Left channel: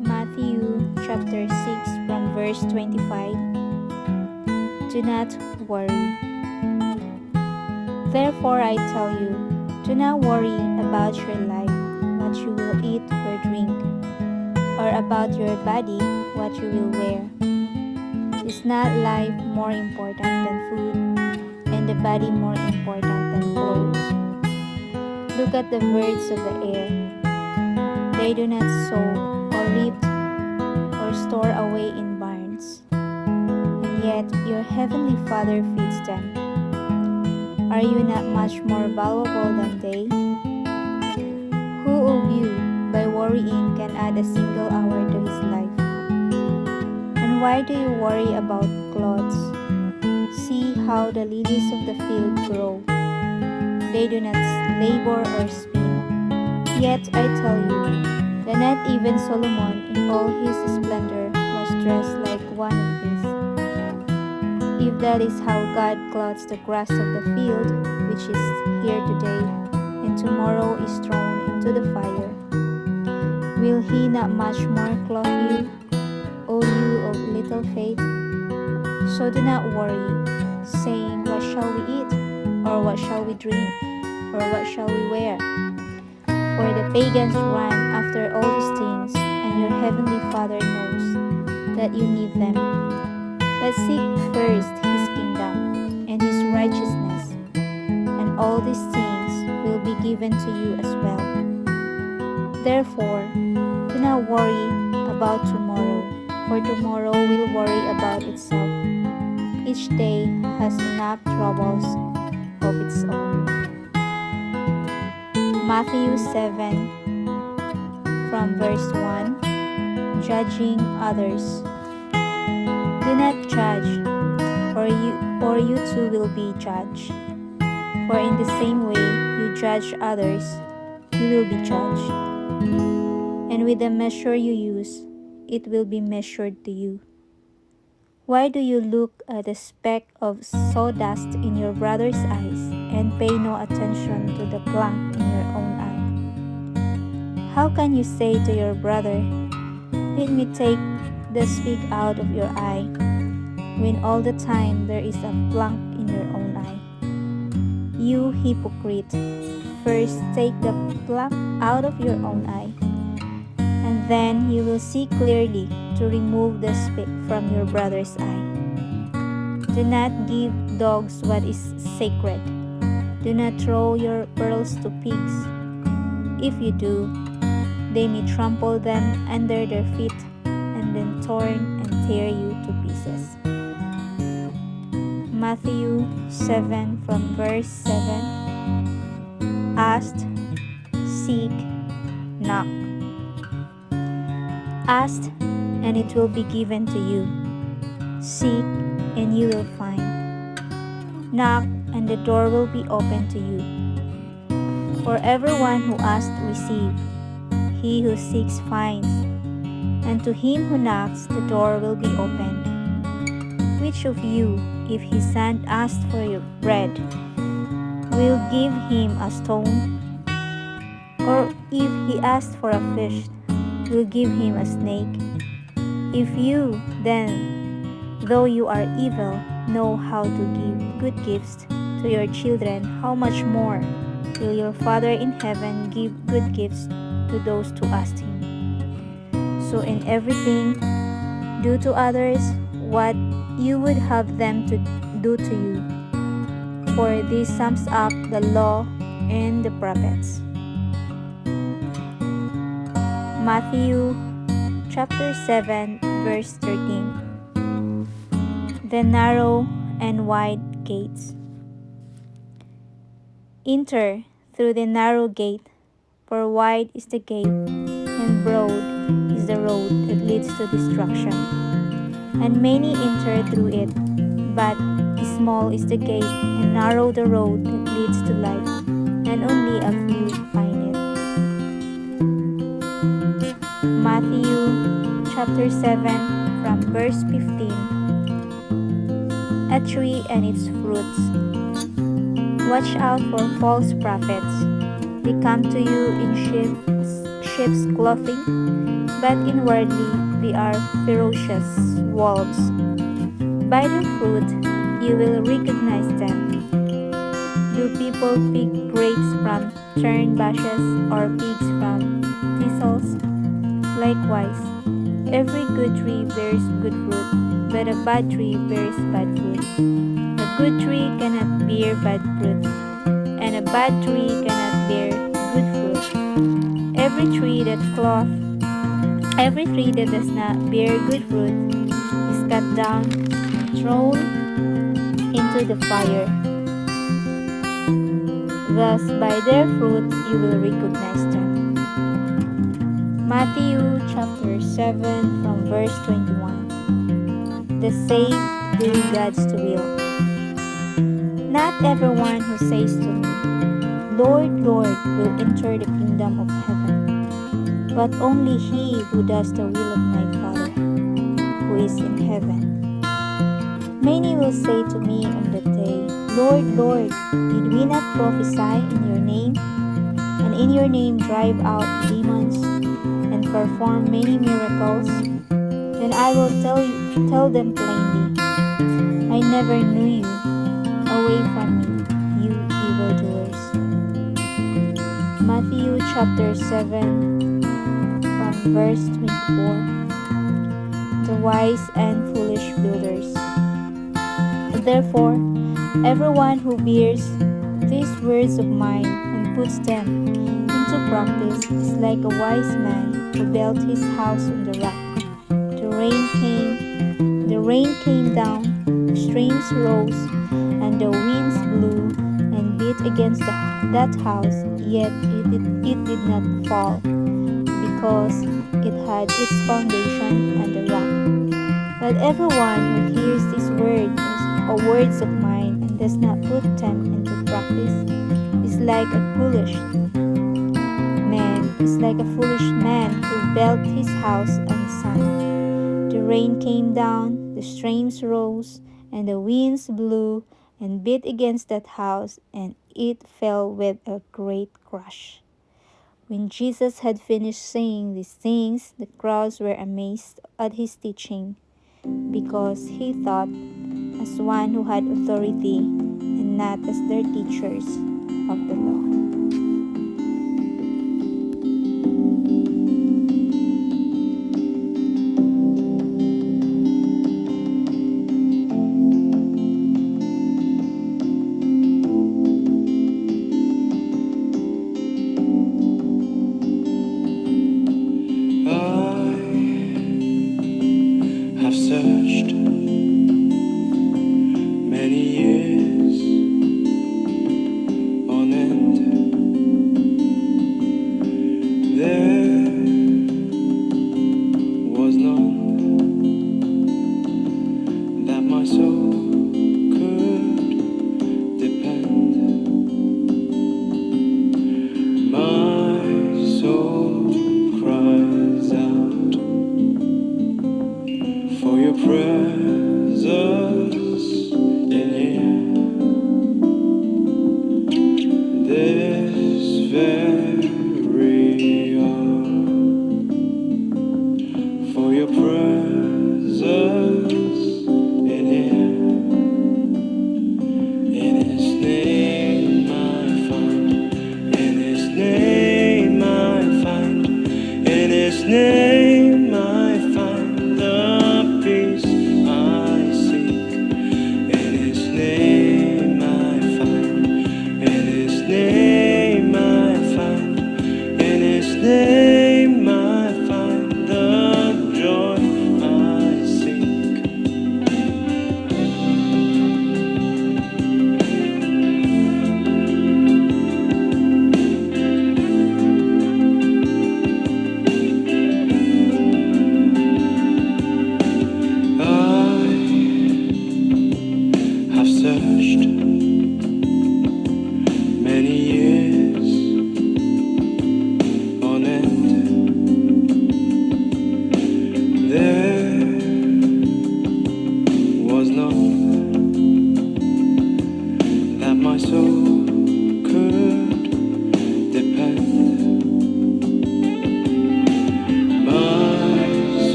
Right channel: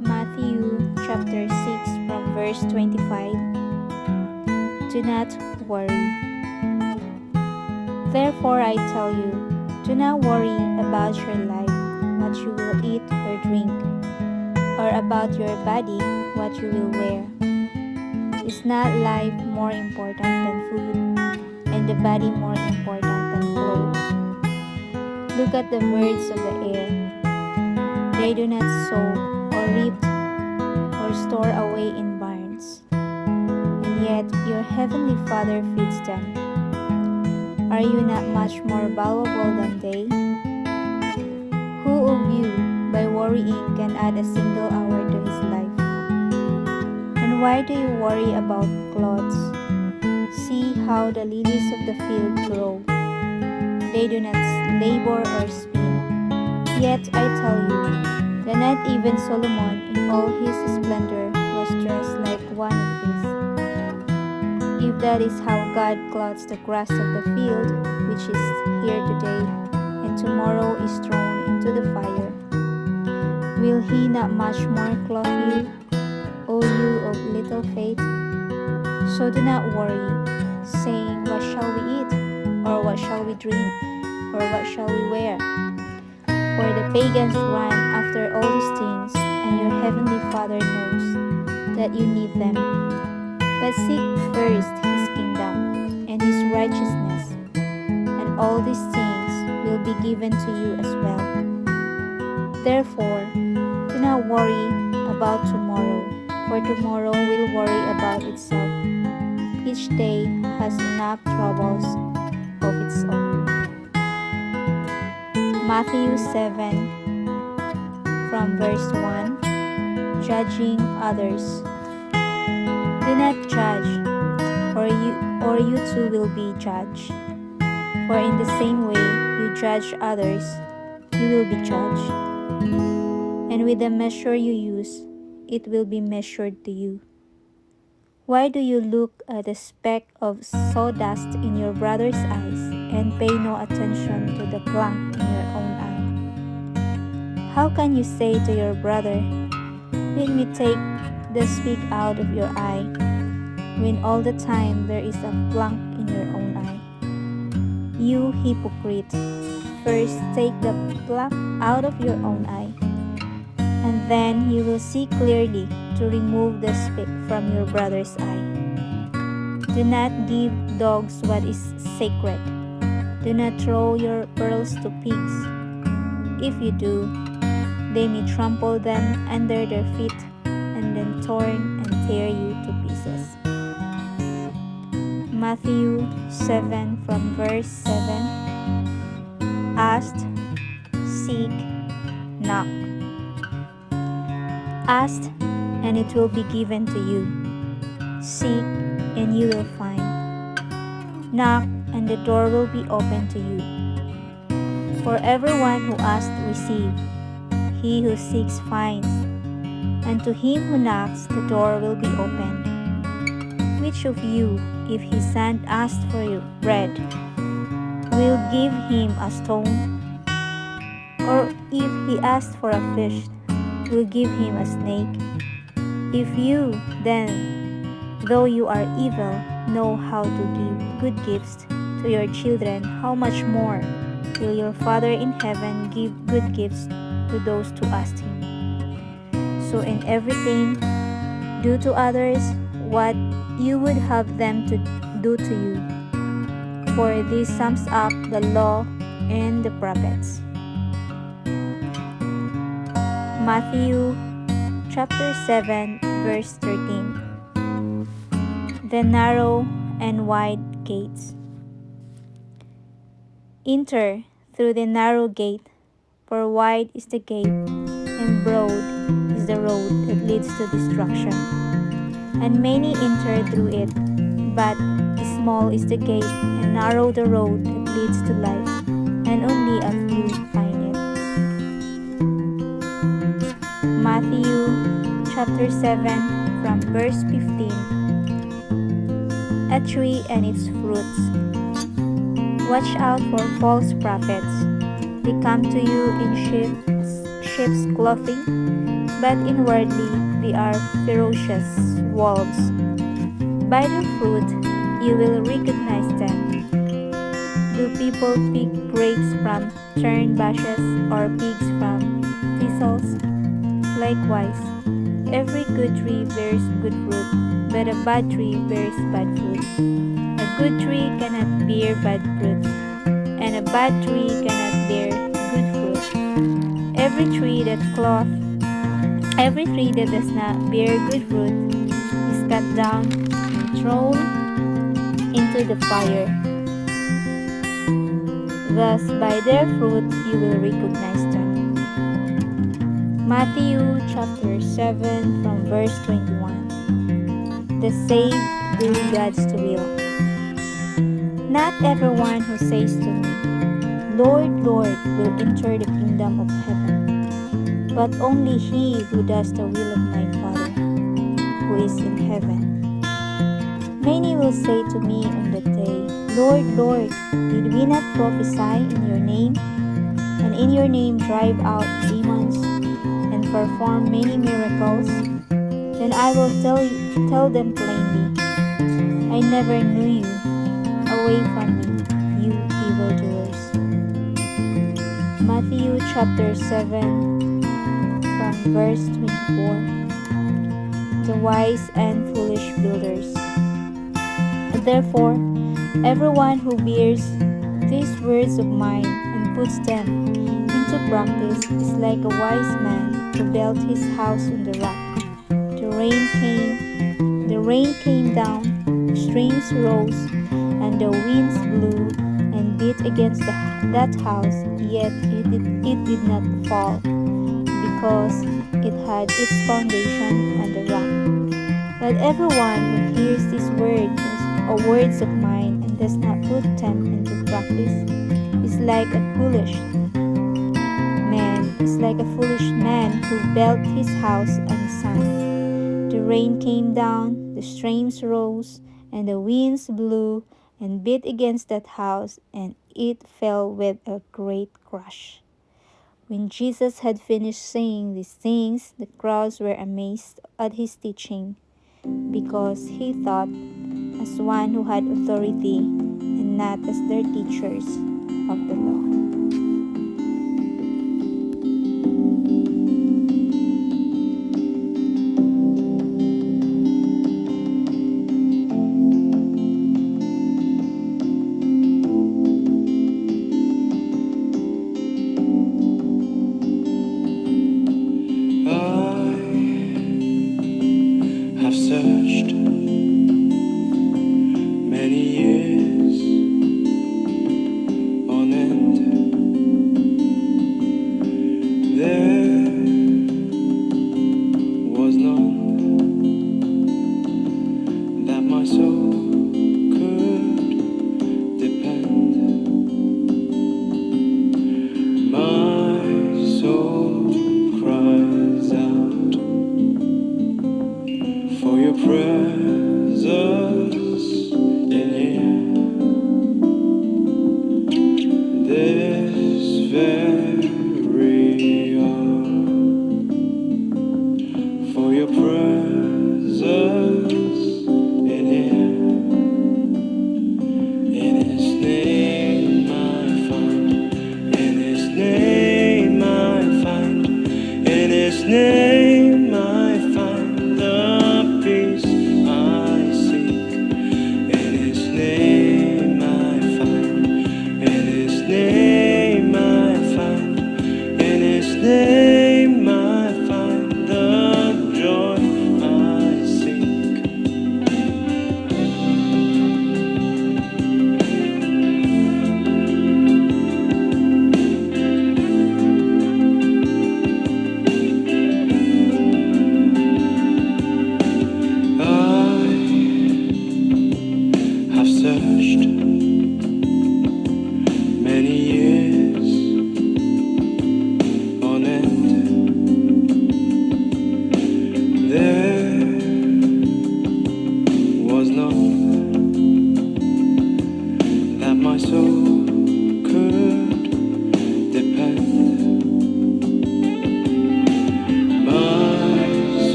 Matthew chapter 6 from verse 25. Do not worry. Therefore I tell you, do not worry about your life, what you will eat or drink, or about your body, what you will wear. Is not life more important than food, and the body more important than clothes? Look at the birds of the air. They do not sow or reap or store away in barns, and yet your heavenly Father feeds them. Are you not much more valuable than they? Who of you, by worrying, can add a single hour to his life? And why do you worry about clothes? See how the lilies of the field grow. They do not labor or spin. Yet I tell you that not even Solomon in all his splendor was dressed like one of these. If that is how God clothes the grass of the field, which is here today, and tomorrow is thrown into the fire, will he not much more clothe you, O you of little faith? So do not worry, saying, what shall we eat? Or what shall we drink? Or what shall we wear? For the pagans run after all these things, and your heavenly Father knows that you need them. But seek first his kingdom and his righteousness, and all these things will be given to you as well. Therefore, do not worry about tomorrow, for tomorrow will worry about itself. Each day has enough troubles of its own. Matthew 7 from verse 1. Judging others. Do not judge, or you too will be judged. For in the same way you judge others, you will be judged. And with the measure you use, it will be measured to you. Why do you look at a speck of sawdust in your brother's eyes and pay no attention to the plank in your own eye? How can you say to your brother, let me take the speck out of your eye, when all the time there is a plank in your own eye? You hypocrite, first take the plank out of your own eye, and then you will see clearly to remove the speck from your brother's eye. Do not give dogs what is sacred. Do not throw your pearls to pigs. If you do, they may trample them under their feet and then torn and tear you to pieces. Matthew 7 from verse 7. Ask, seek, knock. Ask, and it will be given to you. Seek, and you will find. Knock, and the door will be opened to you. For everyone who asks receives, he who seeks finds, and to him who knocks the door will be opened. Which of you, if his son asks for your bread, will give him a stone? Or if he asks for a fish, will give him a snake? If you, then, though you are evil, know how to give good gifts to your children, how much more will your Father in heaven give good gifts to those who ask him? So in everything, do to others what you would have them to do to you, for this sums up the law and the prophets. Matthew chapter 7 verse 13. The narrow and wide gates. Enter through the narrow gate, for wide is the gate, and broad is the road that leads to destruction, and many enter through it. But small is the gate, and narrow the road that leads to life, and only a few find it. Matthew chapter 7 from verse 15. A tree and its fruits. Watch out for false prophets. They come to you in sheep's clothing, but inwardly they are ferocious wolves. By their fruit you will recognize them. Do people pick grapes from thorn bushes or figs from thistles? Likewise, every good tree bears good fruit, but a bad tree bears bad fruit. A good tree cannot bear bad fruit, and a bad tree cannot bear good fruit. Every tree that cloth, every tree that does not bear good fruit is cut down and thrown into the fire. Thus, by their fruit you will recognize them. Matthew chapter 7 from verse 21. The saved do God's will. Not everyone who says to me, Lord, Lord, will enter the kingdom of heaven, but only he who does the will of my Father, who is in heaven. Many will say to me on that day, Lord, Lord, did we not prophesy in your name, and in your name drive out demons, and perform many miracles? Then I will tell them plainly, I never knew you. Away from me, you evildoers. Matthew chapter 7 from verse 24. The wise and foolish builders. Therefore, everyone who hears these words of mine and puts them into practice is like a wise man who built his house on the rock. The rain came down, the streams rose, and the winds blew and beat against that house, yet it did not fall, because it had its foundation on the rock. But everyone who hears these words of mine and does not put them into practice is like a foolish man who built his house on sand. The rain came down, the streams rose, and the winds blew and beat against that house, and it fell with a great crash. When Jesus had finished saying these things, the crowds were amazed at his teaching, because he taught as one who had authority and not as their teachers of the law. I've searched many years on end. There was none that my soul could depend. My soul cries out for your presence in here. This very hour, for your presence in here. In his name I find, in his name I find, in his name I find the peace I seek. In his name I find, in his name I find, in his name I find the joy I seek.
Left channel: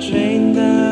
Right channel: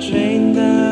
train that